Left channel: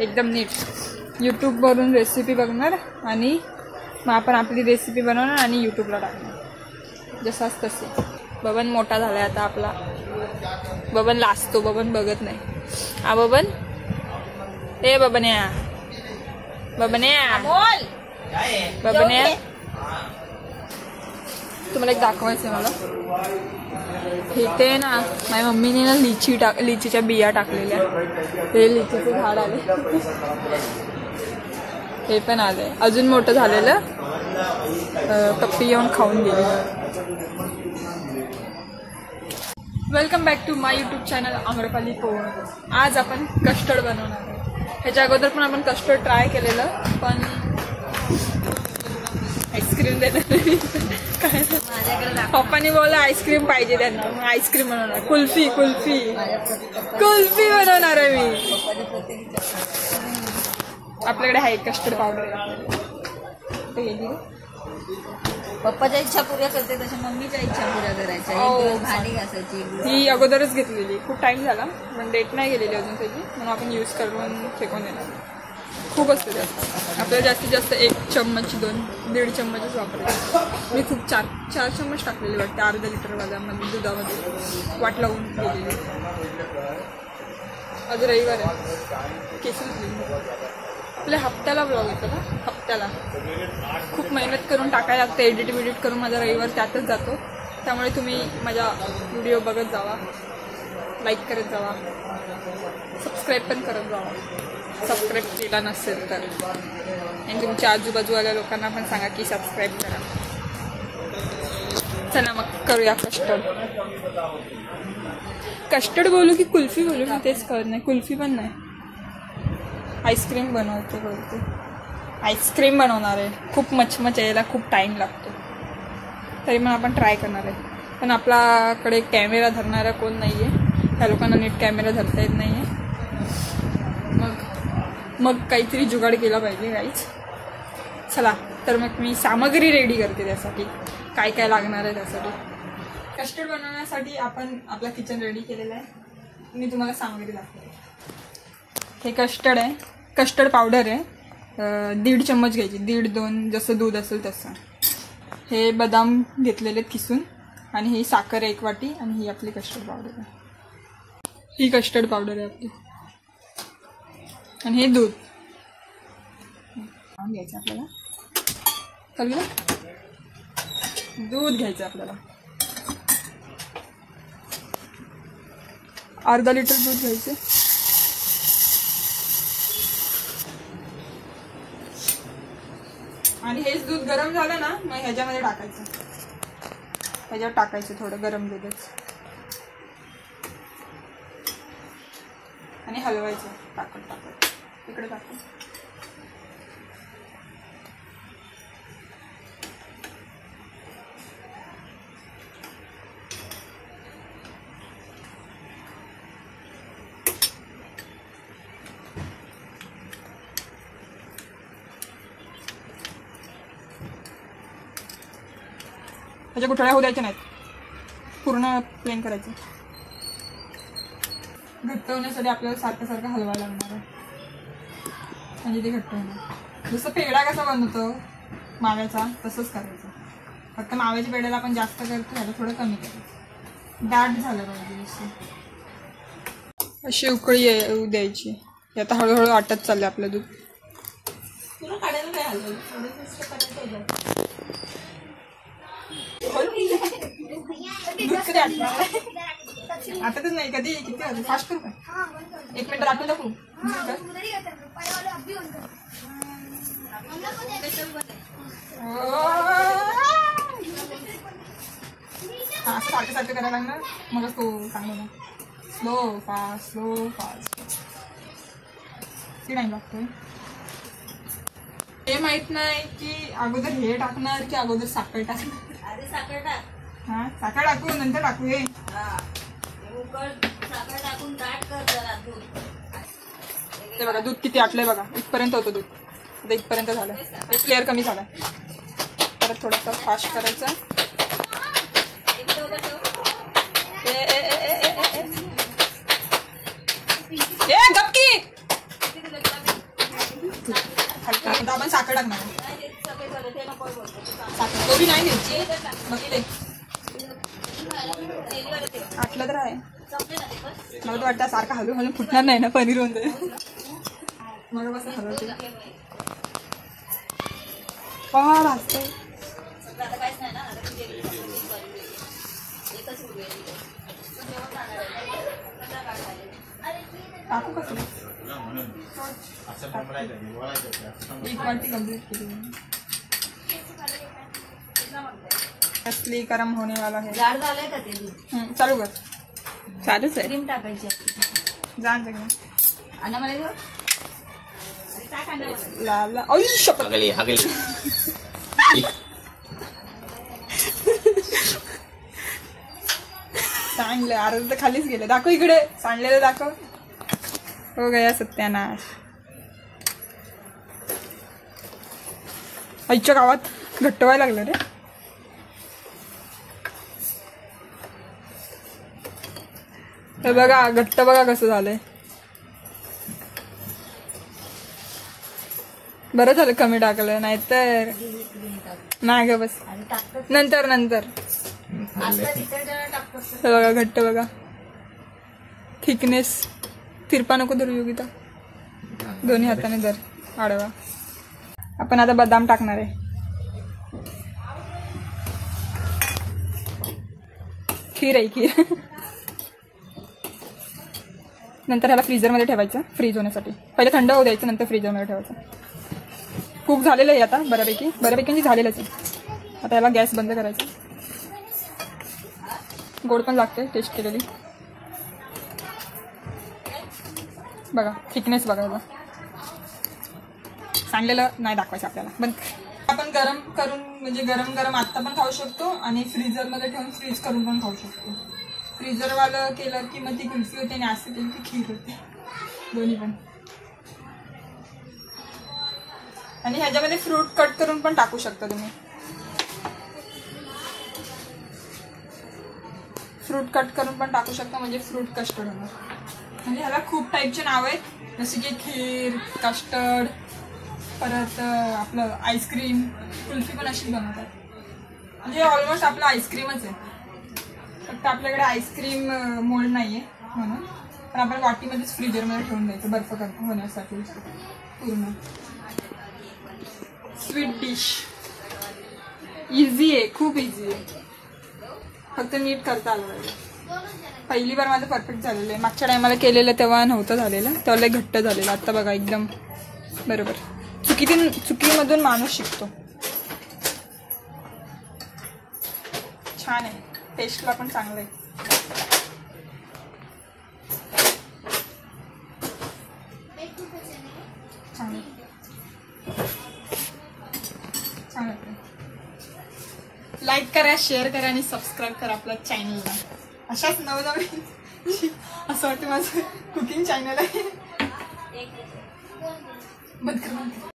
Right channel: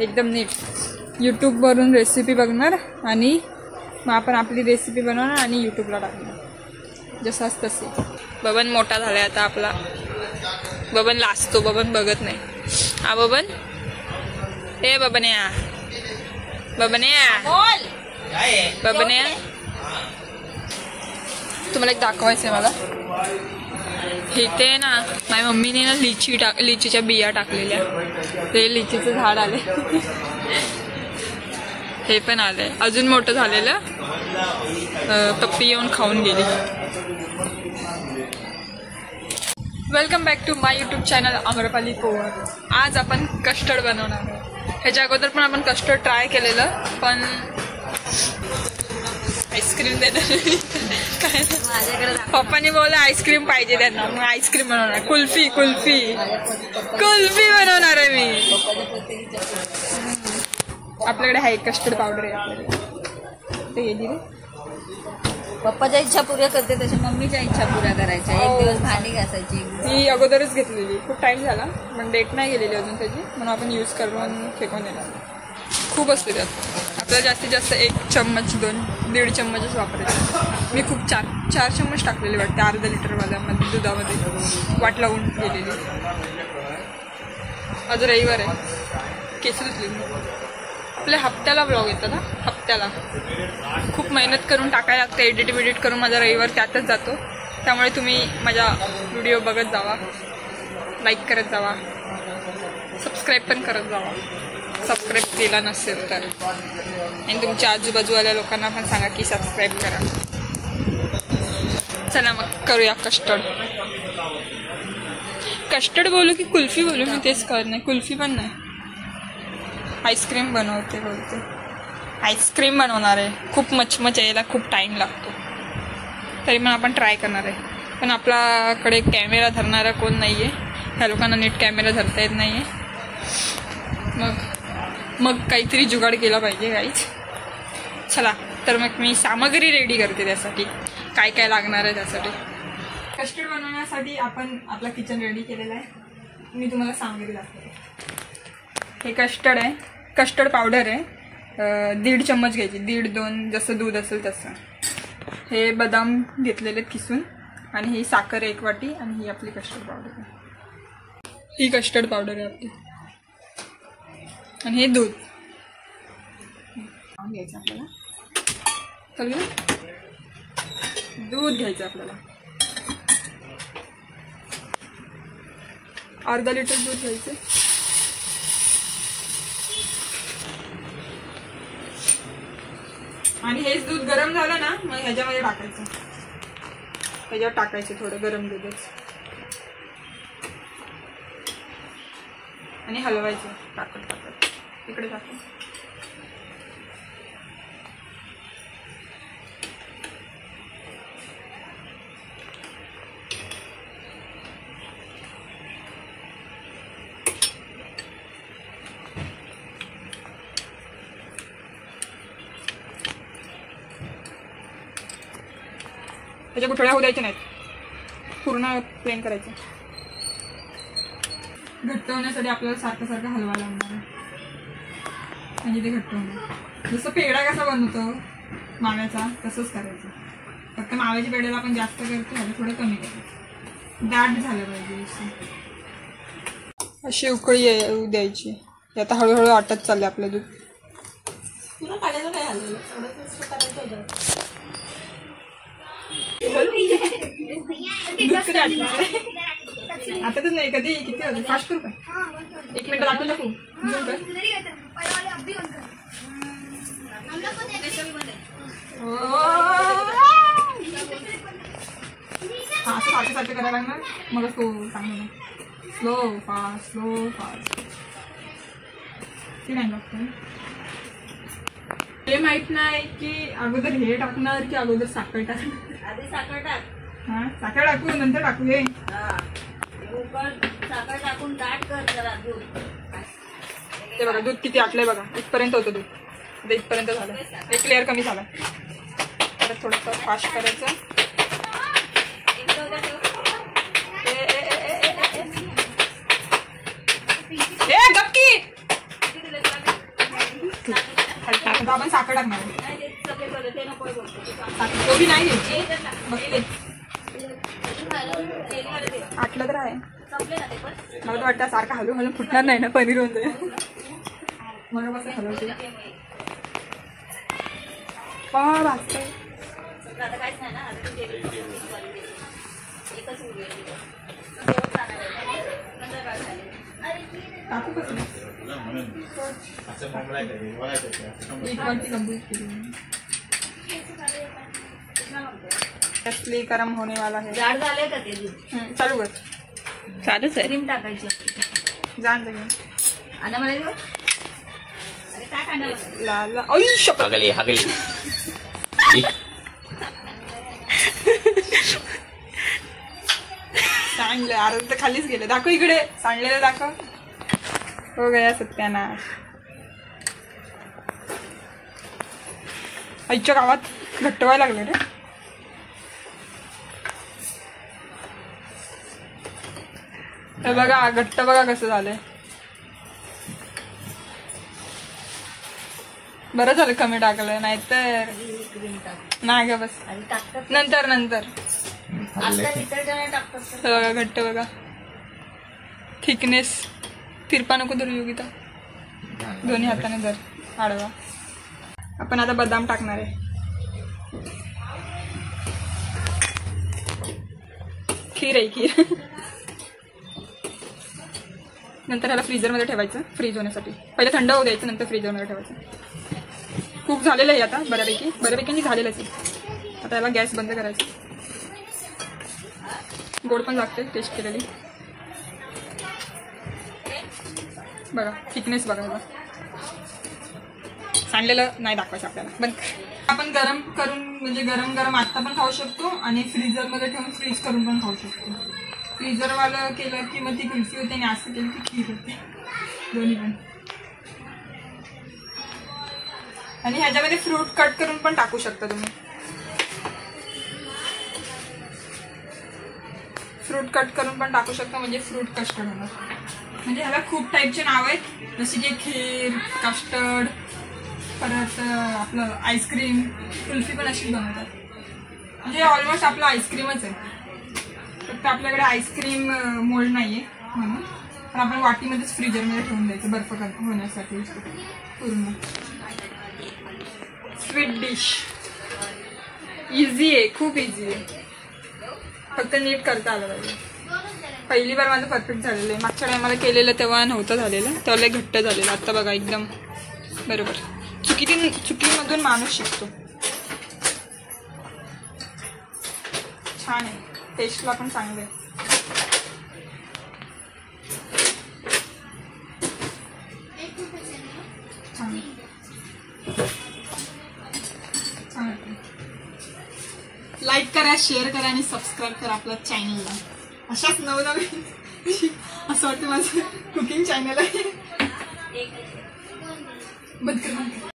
एकदम नीट यूट्यूबवरून रेसिपी बघणार आणि मग आपण आपली रेसिपी बनवणार आणि यूट्यूबला टाकणार जसाच तसे. बबन मोठा झालाय आता आपला. बबन लाजतो, बबन बघत नाही. हा बबन, ए बबन्या, बबन्या, बबन्या, तुम्हाला एक दाखवायचं आहे मला. इथे ना माझ्या मम्मीने ना लिचीच्या बिया टाकलेल्या. ते लिचीचं झाड आले. हे पण आले. अजून मोठं झालेलं. पप्पी येऊन खाऊन गेली. Welcome back to my YouTube channel Amrapali Powar. आज आपण कस्टर्ड बनवणार आहे. ह्याच्या अगोदर पण आपण कस्टर्ड ट्राय केलेलं, पण आईस्क्रीम देणार काय पप्पानी बोललं आईस्क्रीम पाहिजे त्यांना, मग आईस्क्रीम बनवणार. कुल्फी कुल्फी कुल्फी बनवणार आहे मी. आपल्याकडे आहे कस्टर्ड पावडर आहे आपल्याकडे. गेली रे. पप्पाच्या इच्छा पुऱ्या करते तशी मम्मीच्या इच्छा पुऱ्या करायच्या. एक दिवस भांडी घासायची. ही अगोदरच घेतलेली, खूप टाइम झाला पण डेट नाही गेलेली अजून त्याची, म्हणून आपण यूज करून फेकून देणार. खूप असते त्यात. आपल्याला जास्तीत जास्त 1 चम्मच 2-1.5 चम्मचच वापरायचे. मी खूप 4 चम्मच टाकलेले वाटते अर्धा लिटरवाल्यामध्ये दुधामध्ये वाट लावून गेलेली. आज रविवार आहे. केस धुतलेली. आपल्या हप्त्याला ब्लॉग येतात ना, हप्त्याला खूप मेहनत करून टाकायला लागतं. एडिट करून माझा रविवार त्यातच जातो. त्यामुळे तुम्ही माझा व्हिडिओ बघत जावा, लाईक करत जावा, सबस्क्राईब पण करत जावा सबस्क्राईब केला नसेल तर. आणि तुमच्या आजूबाजूवाल्या लोकांना पण सांगा की सबस्क्राईब करा. चला मग करूया कस्टर्ड. कस्टर्ड बोलू की कुल्फी बोलू मी तेच कळत नाही. कुल्फी पण नाही, आईस्क्रीम बनवते बोलते. आईस्क्रीम बनवणार आहे. खूप मचमच यायला खूप टाईम लागतो, तरी पण आपण ट्राय करणार आहे. पण आपल्याकडे कॅमेरा धरणारा कोण नाही आहे. ह्या लोकांना नीट कॅमेरा धरता येत नाही आहे. मग काहीतरी जुगाड केला पाहिजे गाईच. चला तर मग मी सामग्री रेडी करते त्यासाठी, काय काय लागणार आहे त्यासाठी. कस्टर्ड बनवण्यासाठी आपण आपला किचन रेडी केलेला आहे. मी तुम्हाला सामग्री दाखवते. हे कस्टर्ड आहे, कस्टर्ड पावडर आहे. 1.5 चम्मच घ्यायची, 1.5-2 जसं दूध असेल तसं. हे बदाम घेतलेले किसून, आणि ही साखर 1 वाटी, आणि ही आपली कस्टर्ड पावडर आहे. ही कस्टर्ड पावडर आहे आपली, आणि हे दूध घ्यायचं आपल्याला. कळलं? दूध घ्यायचं आपल्याला. अर्धा लिटर दूध घ्यायचं. आणि हेच दूध गरम झालं ना, मग ह्याच्यामध्ये टाकायचं. ह्याच्यावर टाकायचं थोडं गरम दूधच, आणि हलवायचं टाकत. इकडे टाकू. त्याच्या गुठळ्या होऊ द्यायच्या नाहीत, पूर्ण प्लेन करायचं. घट्ट होण्यासाठी आपल्याला सारखं हलवा लागणार आहे, म्हणजे ते घट्ट होणार. जसं पेढा कसा बनवतो माव्याचा तसंच करायचं. फक्त माव्याच्या पेढ्याला आपण जास्त करतो, ह्याला थोडं कमी करायचं. दाट झालं पाहिजे अशी उकळी येऊ द्यायची. आता हळूहळू आटत चालले आपलं दूध. आता तर नाही, कधी किती वाजले? फास्ट करू का? 1 मिनिट दाखवून टाकू. सारखं करायला लागणार, मगच तो चांगला. स्लो फास्ट टाइम लागतो. हे माहित नाही की अगोदर हे टाकणार की अगोदर साखर टाकणार. आधी साखर टाक. हा, साखर टाकू नंतर टाकू. हे साखर टाकून दाट कर जरा दूध. ते बघा दूध किती आटलंय बघा. इथपर्यंत होतं दूध, आता इथपर्यंत झालं. एक लेअर कमी झाला. परत थोडंसं फास्ट करायचं. गप्पी लागणार आहे. तो बी नाही घ्यायची बघते. आटलं तर आहे. मला तर वाटतं सारखं हलू हलू फुटणार नाही ना पनीर होते. मला कसं हलवते भाजते. टाकू कसं असली गरम होने वाला है. चालू कर. चालूच आहे. क्रीम टाकायची. जाण सगळं लाल. सांडलं अर्ध खालीच गेलं. दाखव इकडे सांडलेलं दाखव. हो गया सत्यानाश. आईच्या गावात घट्ट व्हायला लागलं रे. हे बघा घट्ट बघा कसं झालंय. बरं झालं कमी टाकलं नाहीतर नाही ग बस. नंतर नंतर बघा घट्ट बघा. थिकनेस तिरपा नको धरू योगिता. दोन्ही हाताने धर आडवा. आपण आता बदाम टाकणार आहे. खीर आहे खीर. नंतर ह्याला फ्रीजरमध्ये ठेवायचं फ्रीज होण्यासाठी. पहिले थंड होऊ द्यायचं नंतर फ्रीजरमध्ये ठेवायचं. खूप झालेलं आहे आता बऱ्यापैकी झालेलंच आहे. आता याला गॅस बंद करायचा. गोड पण लागते टेस्ट केलेली. बघा थिकनेस बघा. सांडलेलं नाही दाखवायचं आपल्याला. पण आपण गरम करून म्हणजे गरम गरम आत्ता पण खाऊ शकतो आणि फ्रीजरमध्ये ठेवून फ्रीज करून पण खाऊ शकतो. फ्रीजरवालं केलं की मग ती कुल्फी होते आणि असं केलं की खीर होते. दोन्ही पण. आणि ह्याच्यामध्ये फ्रूट कट करून पण टाकू शकता तुम्ही. फ्रूट कट करून पण टाकू शकता म्हणजे फ्रूट कस्टर्ड होणार. म्हणजे ह्याला खूप टाईपचे नाव आहेत जसे की खीर कस्टर्ड परत आपलं आईस्क्रीम कुल्फी पण अशी बनवतात. म्हणजे ऑलमोस्ट आपलं आईस्क्रीमच आहे. फक्त आपल्याकडे आईस्क्रीम मोल्ड नाही आहे म्हणून. पण आपण वाटीमध्येच फ्रीजरमध्ये ठेवून द्यायचं बर्फ होण्यासाठी पूर्ण. स्वीट डिश इझी आहे खूप इझी आहे. फक्त नीट करता आलं पाहिजे. पहिली बार माझं परफेक्ट झालेलं आहे. मागच्या टायमाला केलेलं तेव्हा नव्हतं झालेलं. तेव्हा घट्ट झालेलं. आता बघा एकदम बरोबर. चुकीमधून माणूस शिकतो. छान आहे. टेस्टला पण चांगलं आहे. लाईक करा शेअर करा आणि सबस्क्राईब करा आपल्या चॅनलला. अशाच नवनवीन असं वाटतं माझं कुकिंग चॅनल आहे. बंद कर.